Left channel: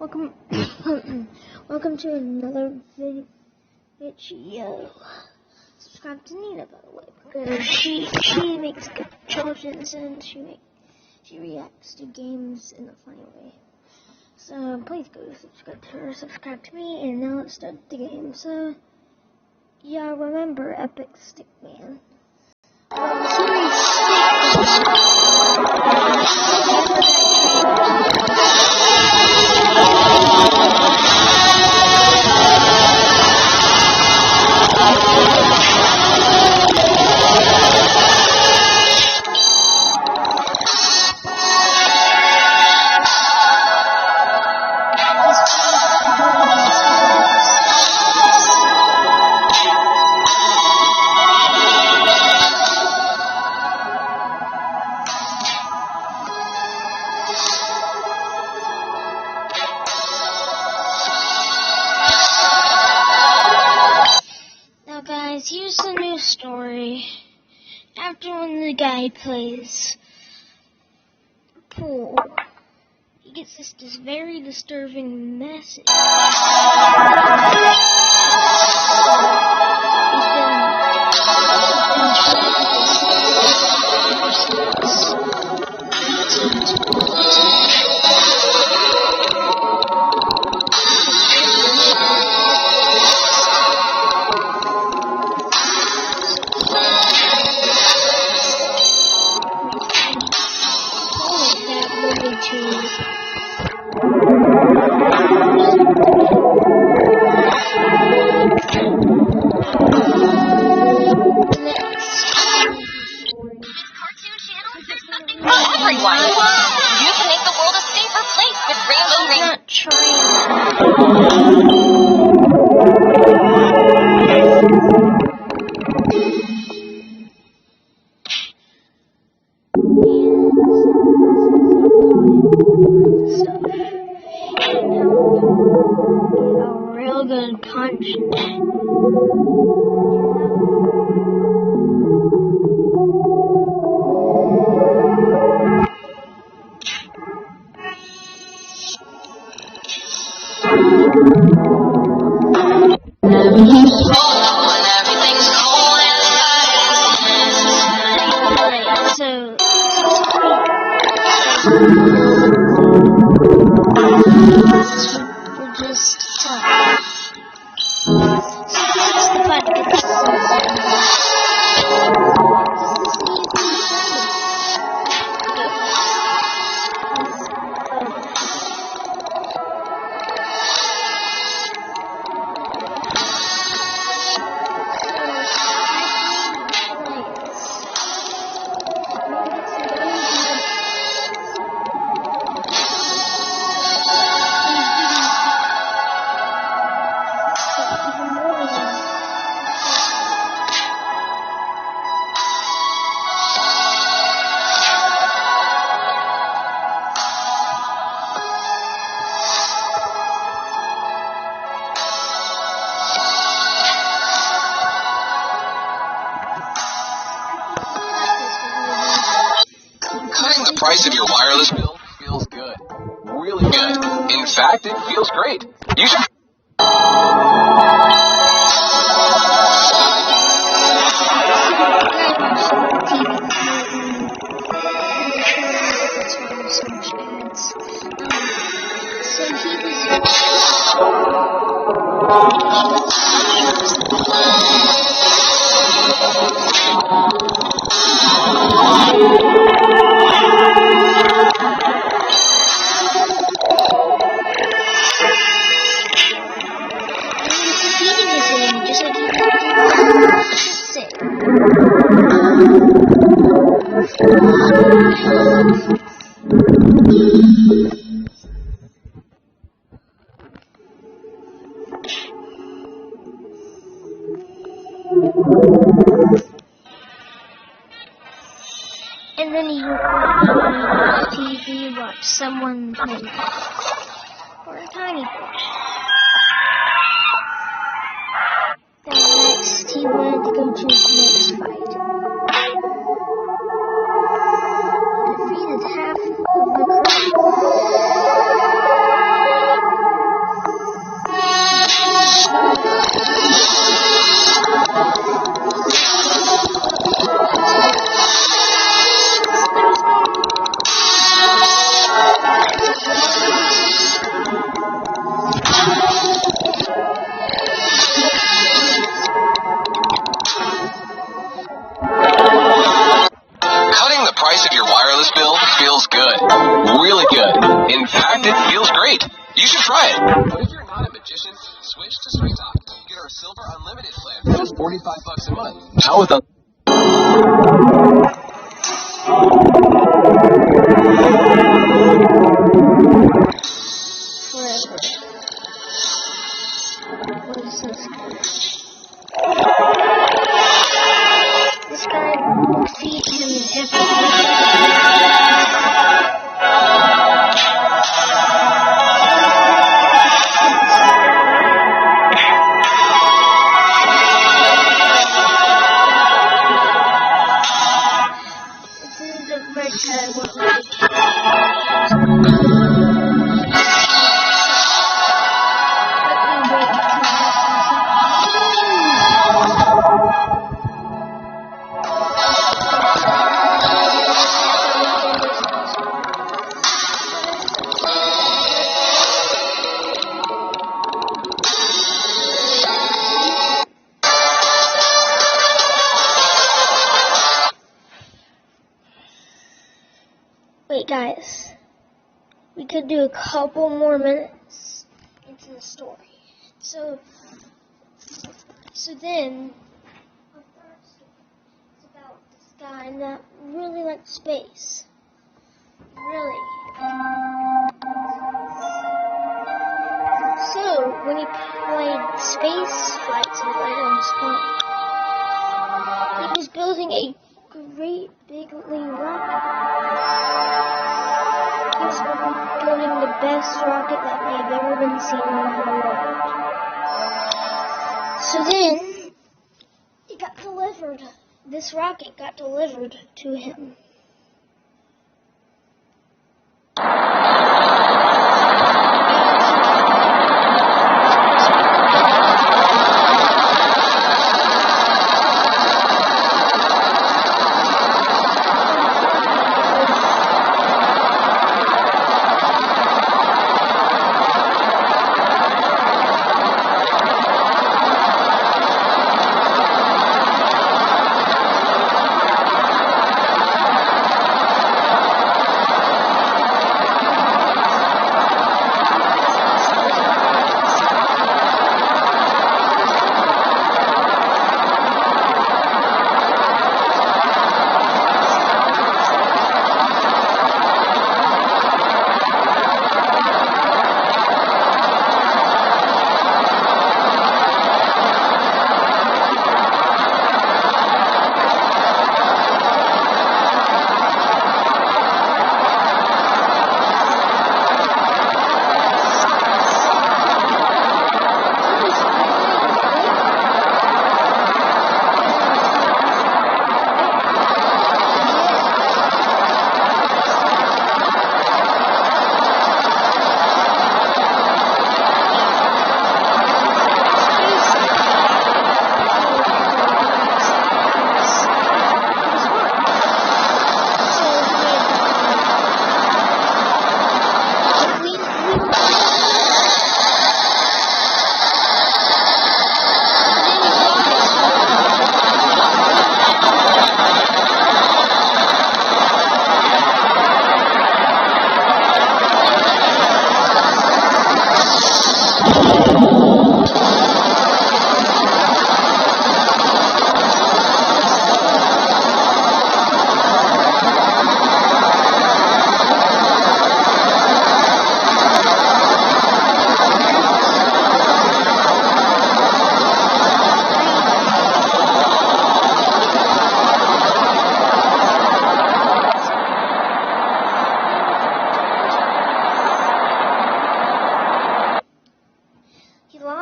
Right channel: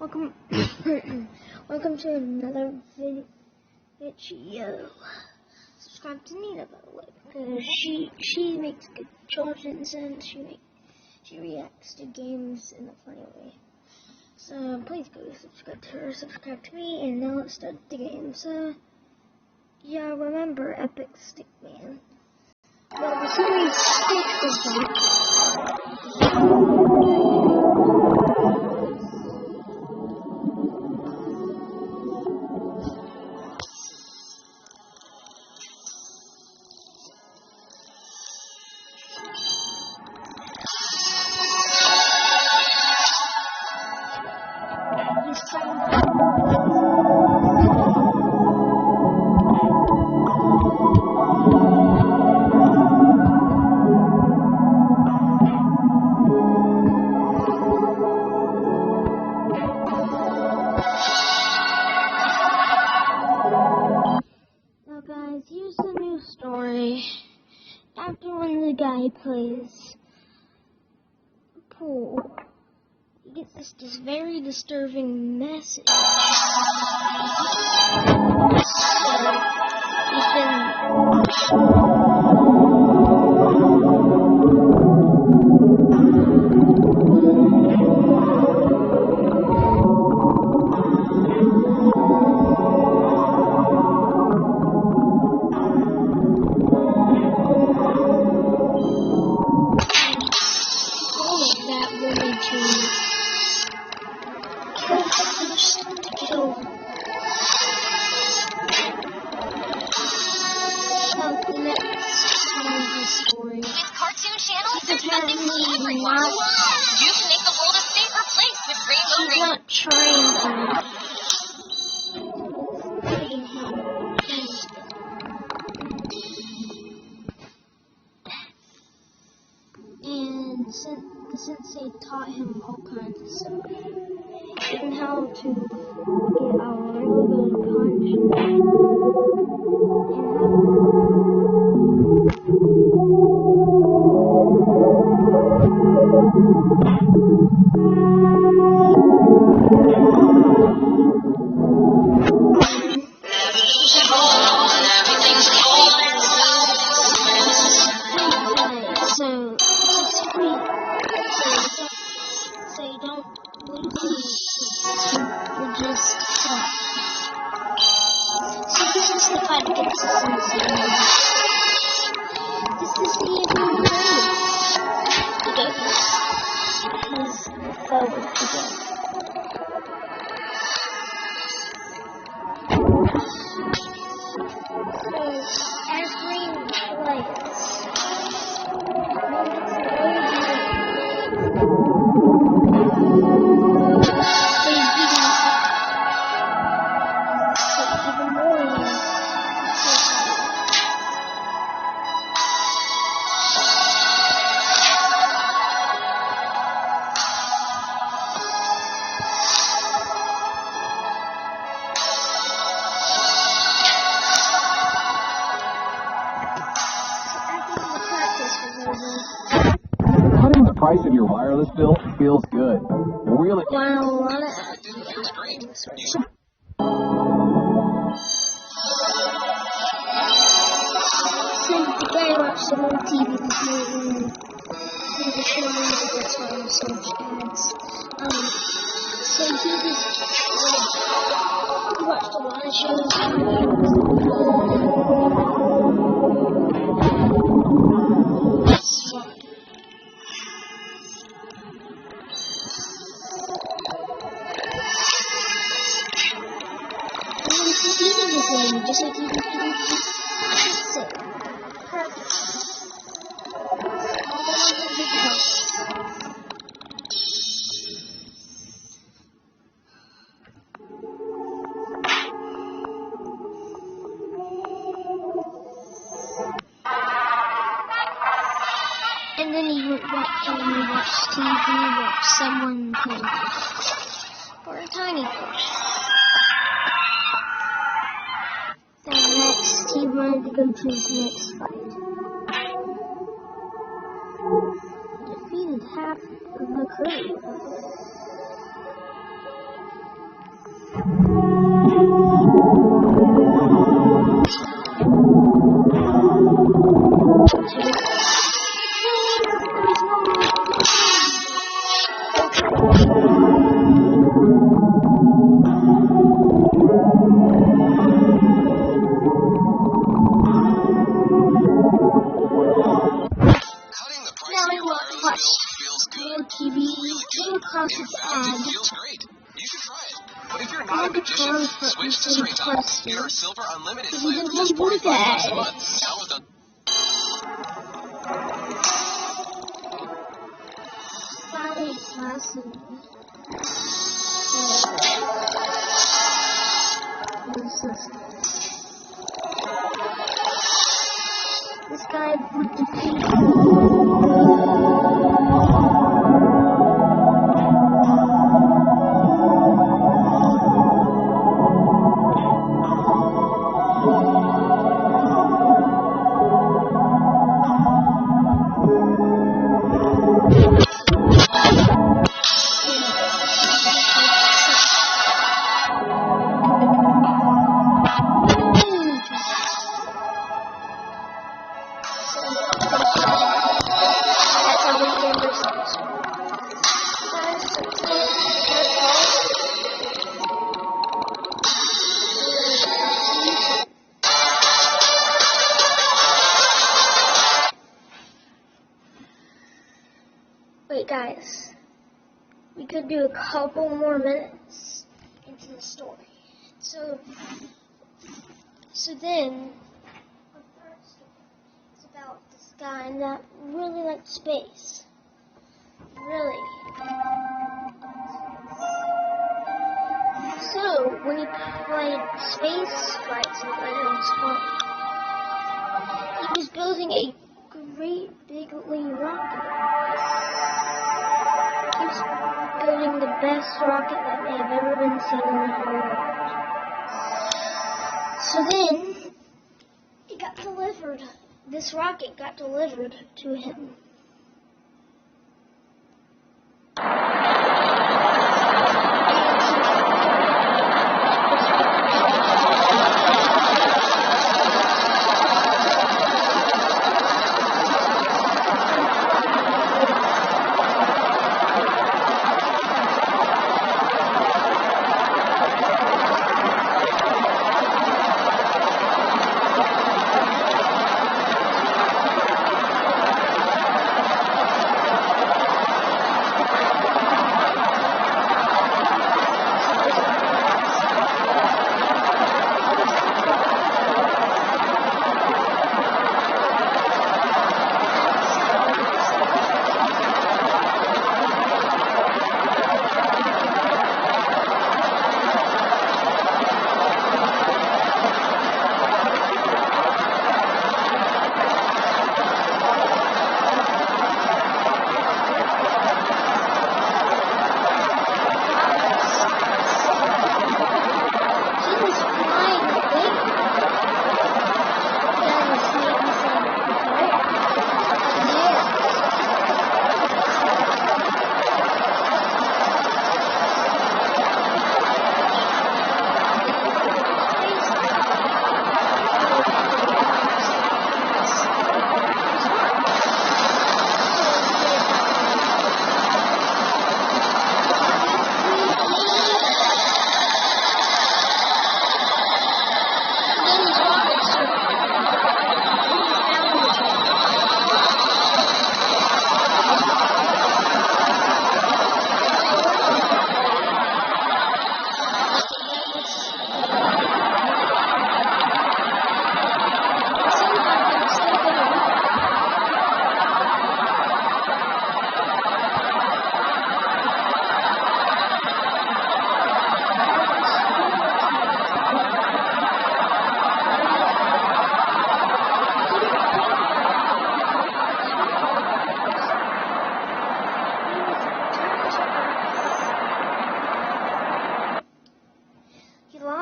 Welcome, welcome to another video. Subscribe to Nina, by the way, because she makes good challenges and she reacts to games in a funny way. So please go subscribe to her, subscribe to me, and now let's start the game. So yeah, remember Epic Stickman. Well, the series 6 here's the new story. After when the guy plays pool, he gets this very disturbing message. He's been Cutting the price of your wireless bill feels good. Really good. In fact, it feels great. You should... Just like you and then he would watch TV, watch someone play or a tiny fish. Then next, he wanted to go to his next fight. Defeated half of the crew. Cutting the price of your wireless bill feels good. Really good. In fact, it feels great. You should try it. But if you're not a magician, switch to Straight Talk. Get our Silver Unlimited plan for just $45 a month. Now with a... This guy defeats him. That's how we end this episode. Wait, guys. We could do a couple more minutes into the story. So then, the first story is about this guy that really liked space. Really. So, when he played space flight simulator on his phone, he was building a great big little rocket. He was building the best rocket that may have ever been seen in the whole world. So then, it got delivered. This rocket got delivered to him.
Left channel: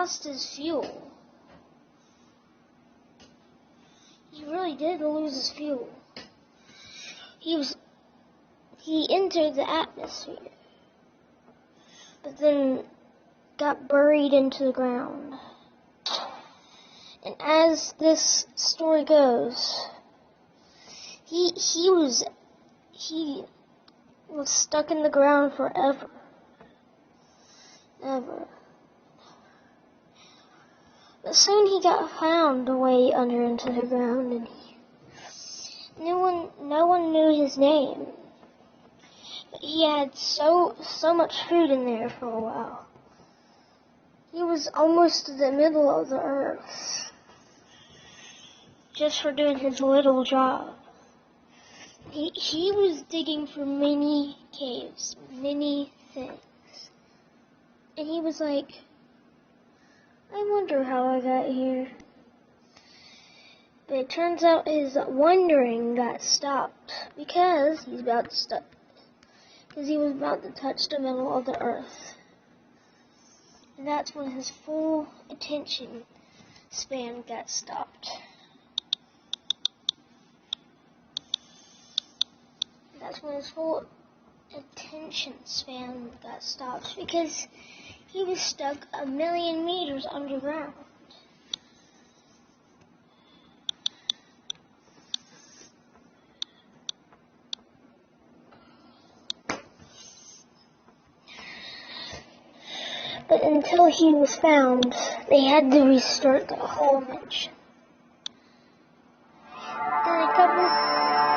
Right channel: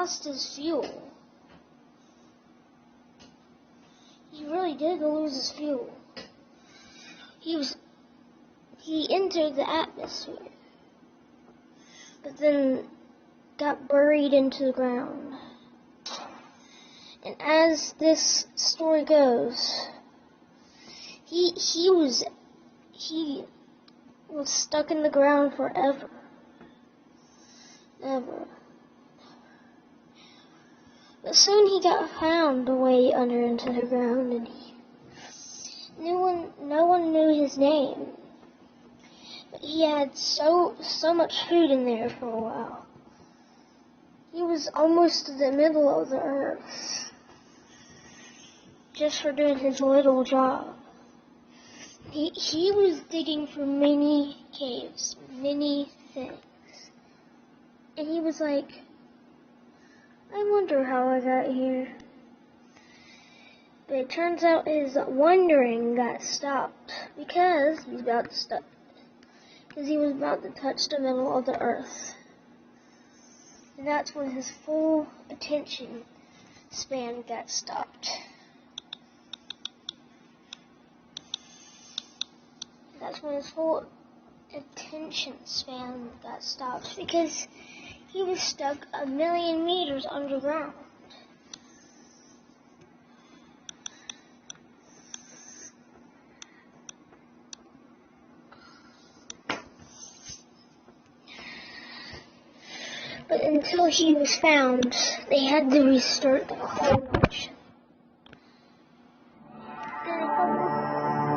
lost his fuel. He really did lose his fuel. He entered the atmosphere. But then got buried into the ground. And as this story goes, he was stuck in the ground forever. Ever. But soon he got found away under into the ground, and no one knew his name. But he had so much food in there for a while. He was almost to the middle of the earth, just for doing his little job. He was digging for many caves, many things. And he was like, I wonder how I got here. But it turns out his wondering got stopped because he was about to touch the middle of the earth. And that's when his full attention span got stopped. That's when his full attention span got stopped because he was stuck 1,000,000 meters underground. But until he was found, they had to restart the whole mission. In a couple,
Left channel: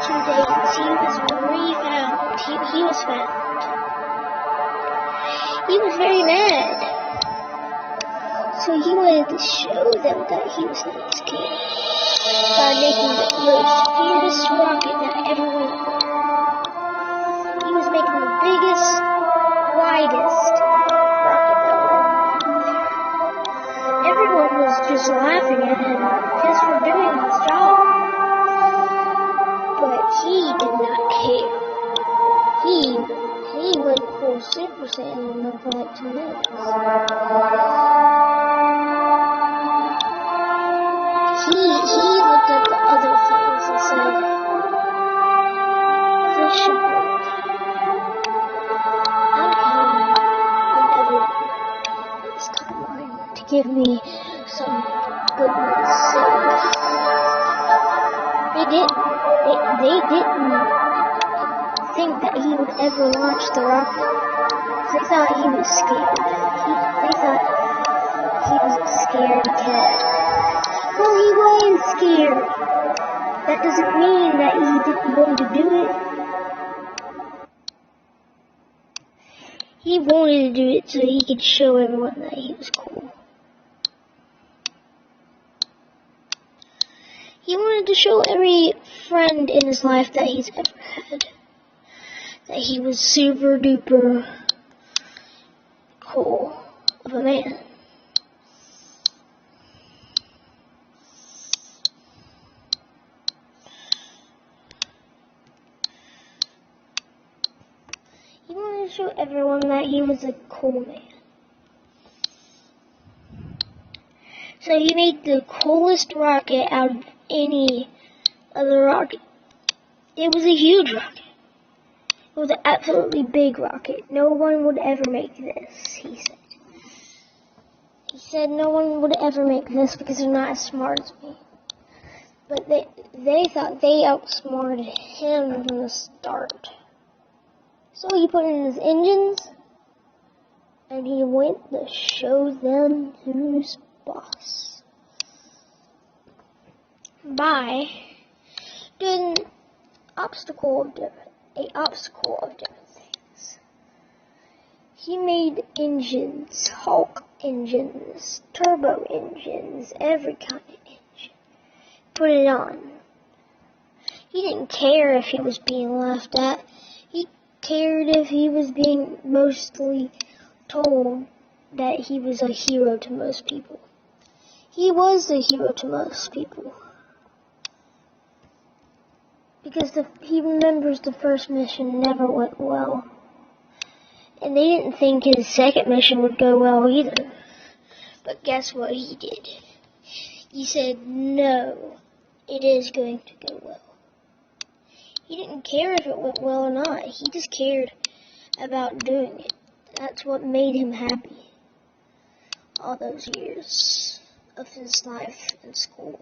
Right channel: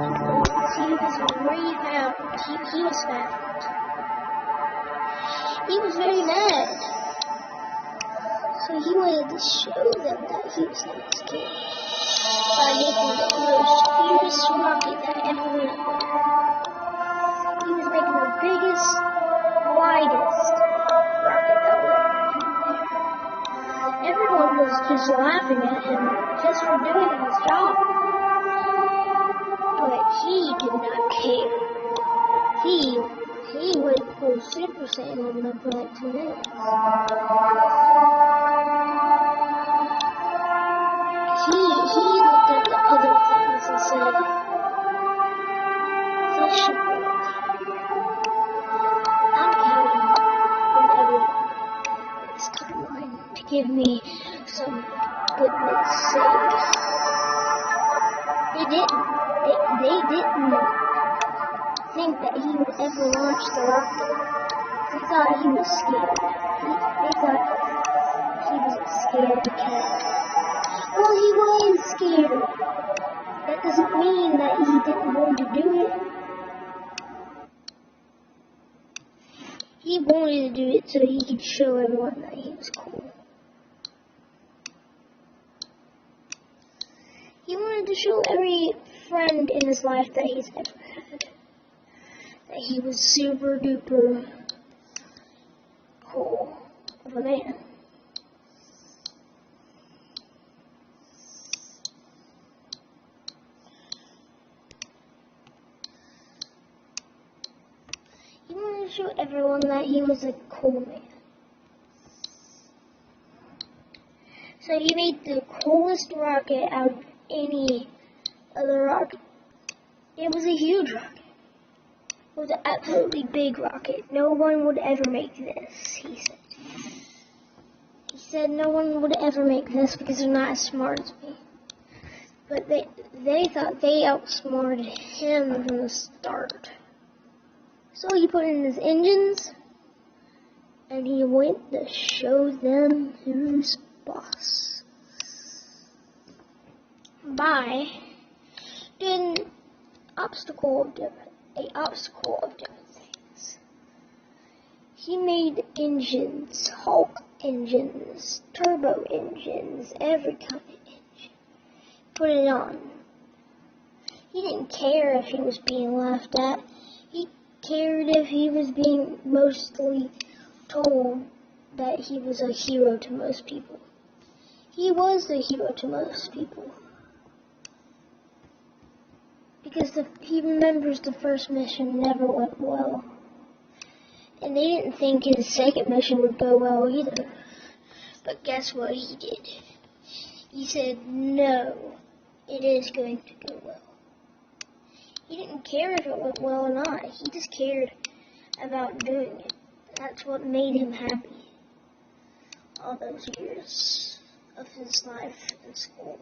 2 days, he was re-found. He was found. He was very mad. So he wanted to show them that he was not scared by making the most weirdest rocket that ever went up there. He was making the biggest, widest rocket that ever went up there. Everyone was just laughing at him just for doing his job. But he did not care. He went full Super Saiyan on them for like 2 minutes. He looked at the other things and said, this should work. I'll pay him whenever it's time to give me some goodness. So they didn't think that he would ever launch the rocket. They thought he was scared. They thought he was a scared cat. Well, he was scared. That doesn't mean that he didn't want to do it. He wanted to do it so he could show everyone that he was cool. He wanted to show every friend in his life that he's ever had that he was super duper cool of a man. He wanted to show everyone that he was a cool man. So he made the coolest rocket out of any other rocket. It was a huge rocket. It was an absolutely big rocket. No one would ever make this, he said. He said no one would ever make this because they're not as smart as him. But they thought they outsmarted him from the start. So he put in his engines, and he went to show them who's boss. By doing an obstacle of different things. He made engines, Hulk engines, turbo engines, every kind of engine. Put it on. He didn't care if he was being laughed at. He cared if he was being mostly told that he was a hero to most people. He was a hero to most people. Because he remembers the first mission never went well. And they didn't think his second mission would go well either. But guess what he did? He said, no, it is going to go well. He didn't care if it went well or not. He just cared about doing it. That's what made him happy. all those years of his life in school.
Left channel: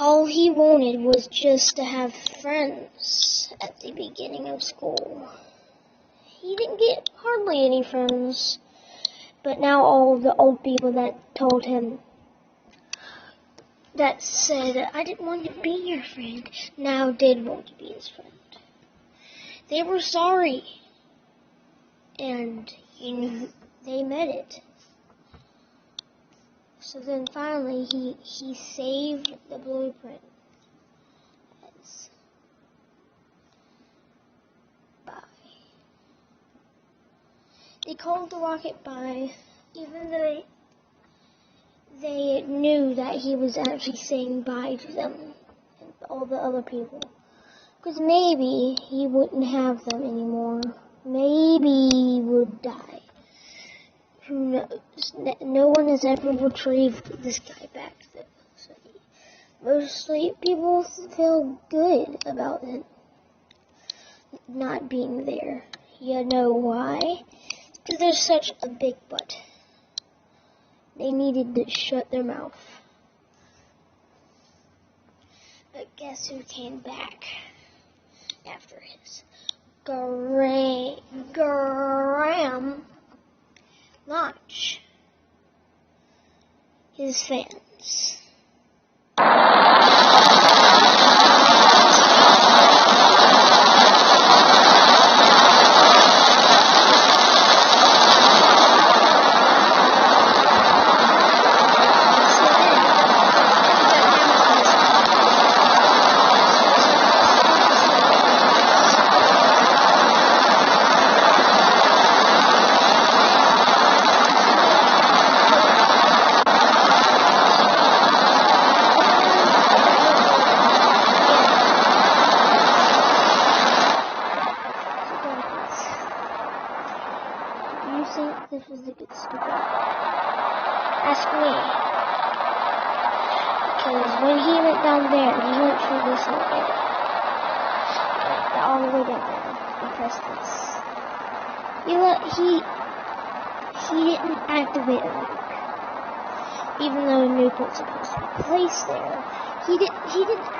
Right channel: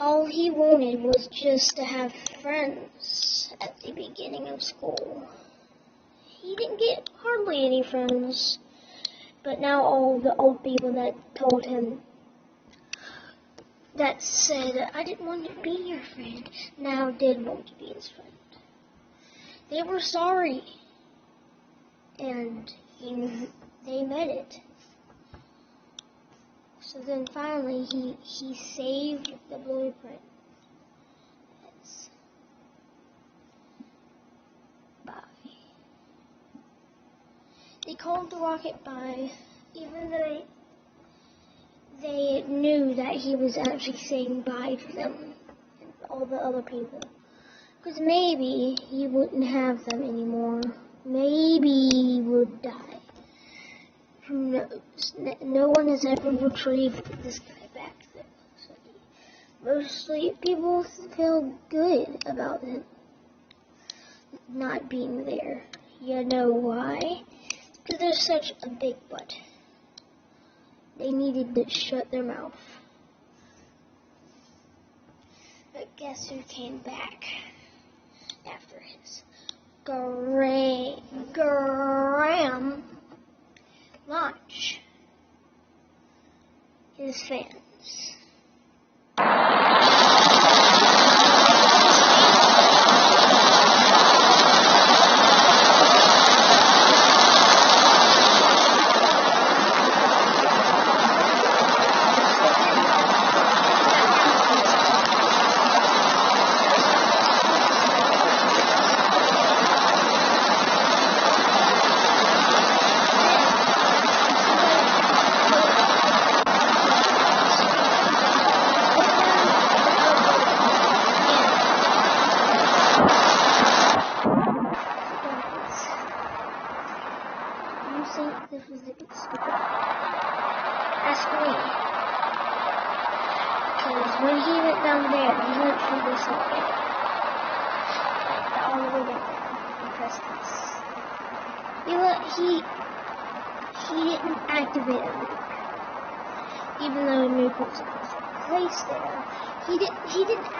All he wanted was just to have friends at the beginning of school. He didn't get hardly any friends, but now all the old people that told him, that said, I didn't want to be your friend, now did want to be his friend. They were sorry, and they meant it. So then finally he saved the blueprint. They told the rocket bye, even though they knew that he was actually saying bye to them and all the other people. Because maybe he wouldn't have them anymore. Maybe he would die. Who knows? No one has ever retrieved this guy back then. So mostly people feel good about him not being there. You know why? Because they're such a big butt. They needed to shut their mouth. But guess who came back after his grand launch? His fans. This was a bit stupid. Ask me. Because when he went down there, he went through this little area. All the way down there. And pressed this. You know what? He didn't activate a nuke. Even though a nuke was supposed to be placed there. He didn't activate.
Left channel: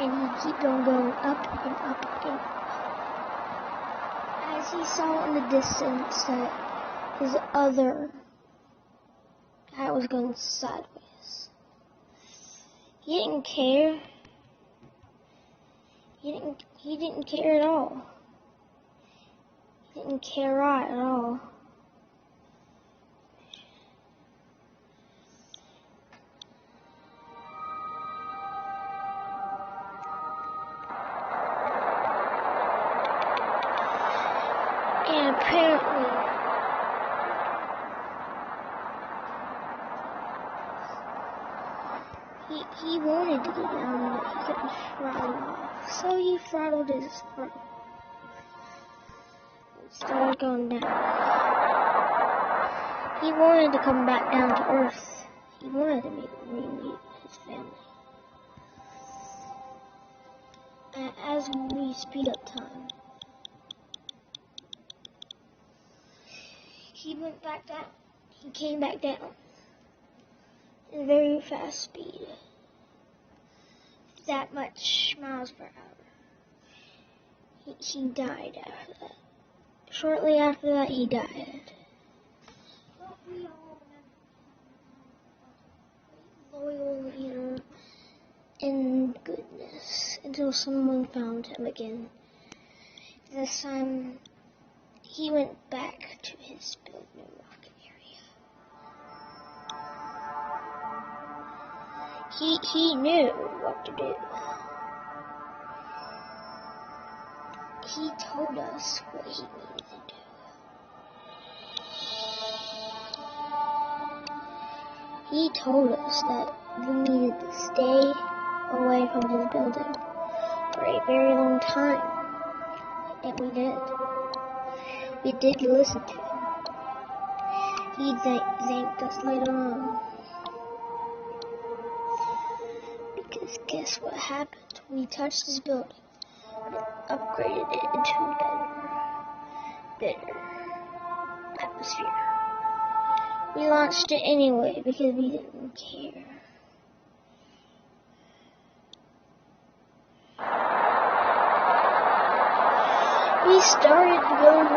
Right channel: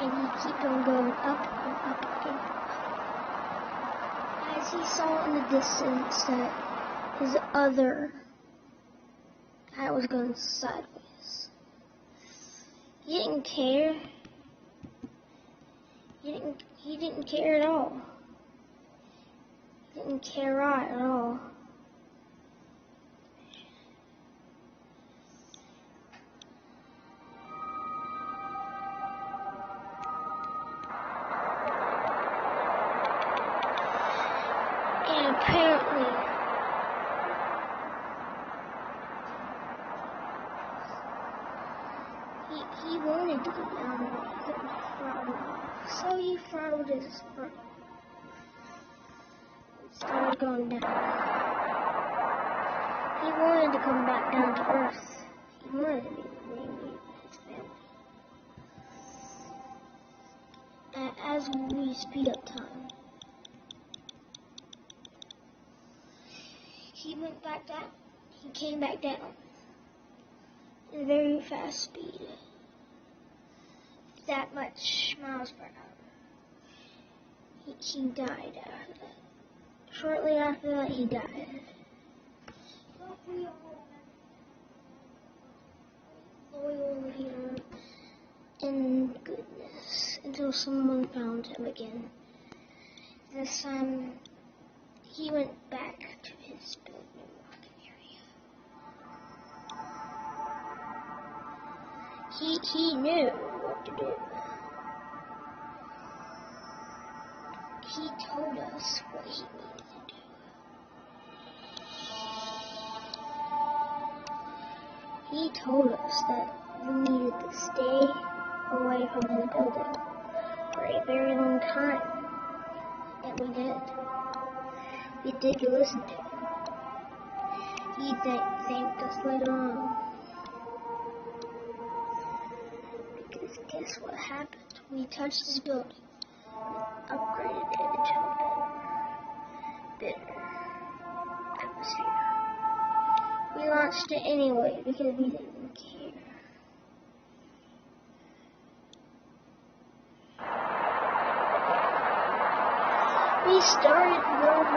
And he kept on going up and up again. As he saw in the distance that his other guy was going sideways. He didn't care. He didn't care at all. He didn't care right at all. And apparently, he wanted to go down, but he couldn't throttle off. So he throttled his foot. Started going down. He wanted to come back down to Earth. He wanted to meet his family. As we speed up time, he went back down. He came back down at a very fast speed. That much miles per hour. He died after that. Shortly after that, he died. In goodness, until someone found him again. He went back to his golden rocket area. He knew what to do. He told us what he needed to do. He told us that we needed to stay away from his building for a very long time. And we did. We did listen to him. He thanked us later on. guys, guess what happened? We touched this building and upgraded it into a better atmosphere. We launched it anyway because we didn't care. We started going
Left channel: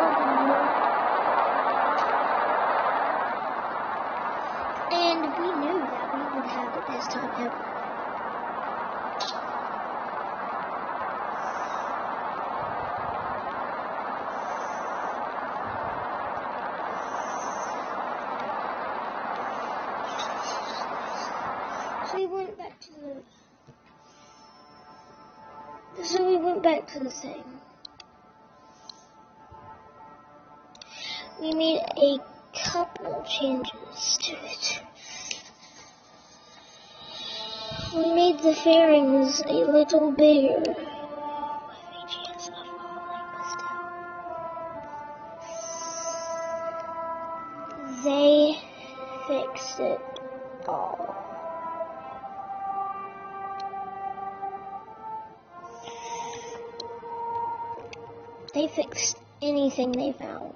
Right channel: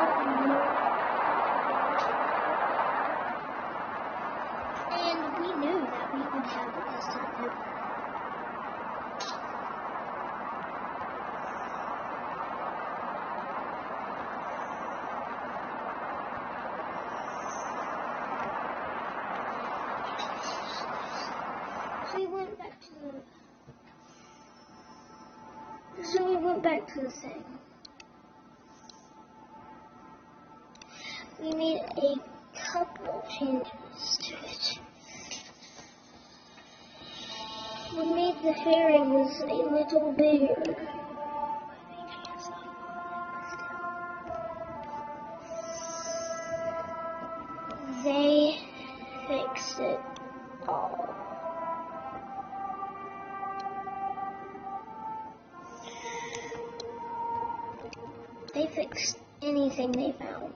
and we knew that we would have the best time ever. So we went back to the thing. We made a couple of changes to it. We made the fairies a little bigger. They fixed it all. They fixed anything they found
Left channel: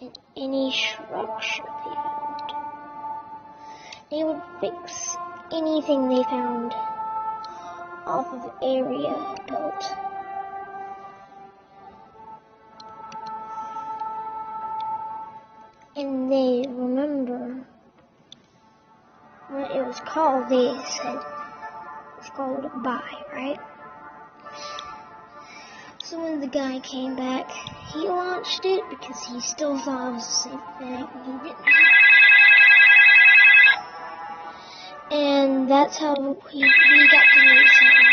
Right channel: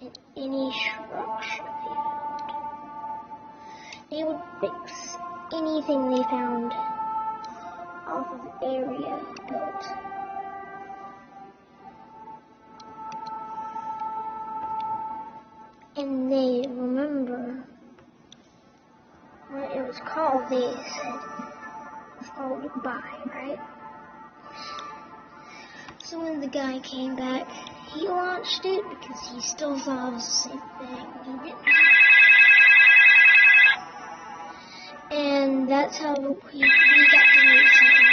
in any structure they found. They would fix anything they found off of area built. And they remember when it was called, they said it's called a buy, right? So when the guy came back, he launched it because he still thought it was a safe thing. He didn't. And that's how we got to know each other.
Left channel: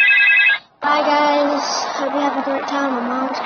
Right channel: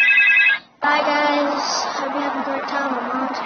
Bye guys. Hope you have a great time. I'm almost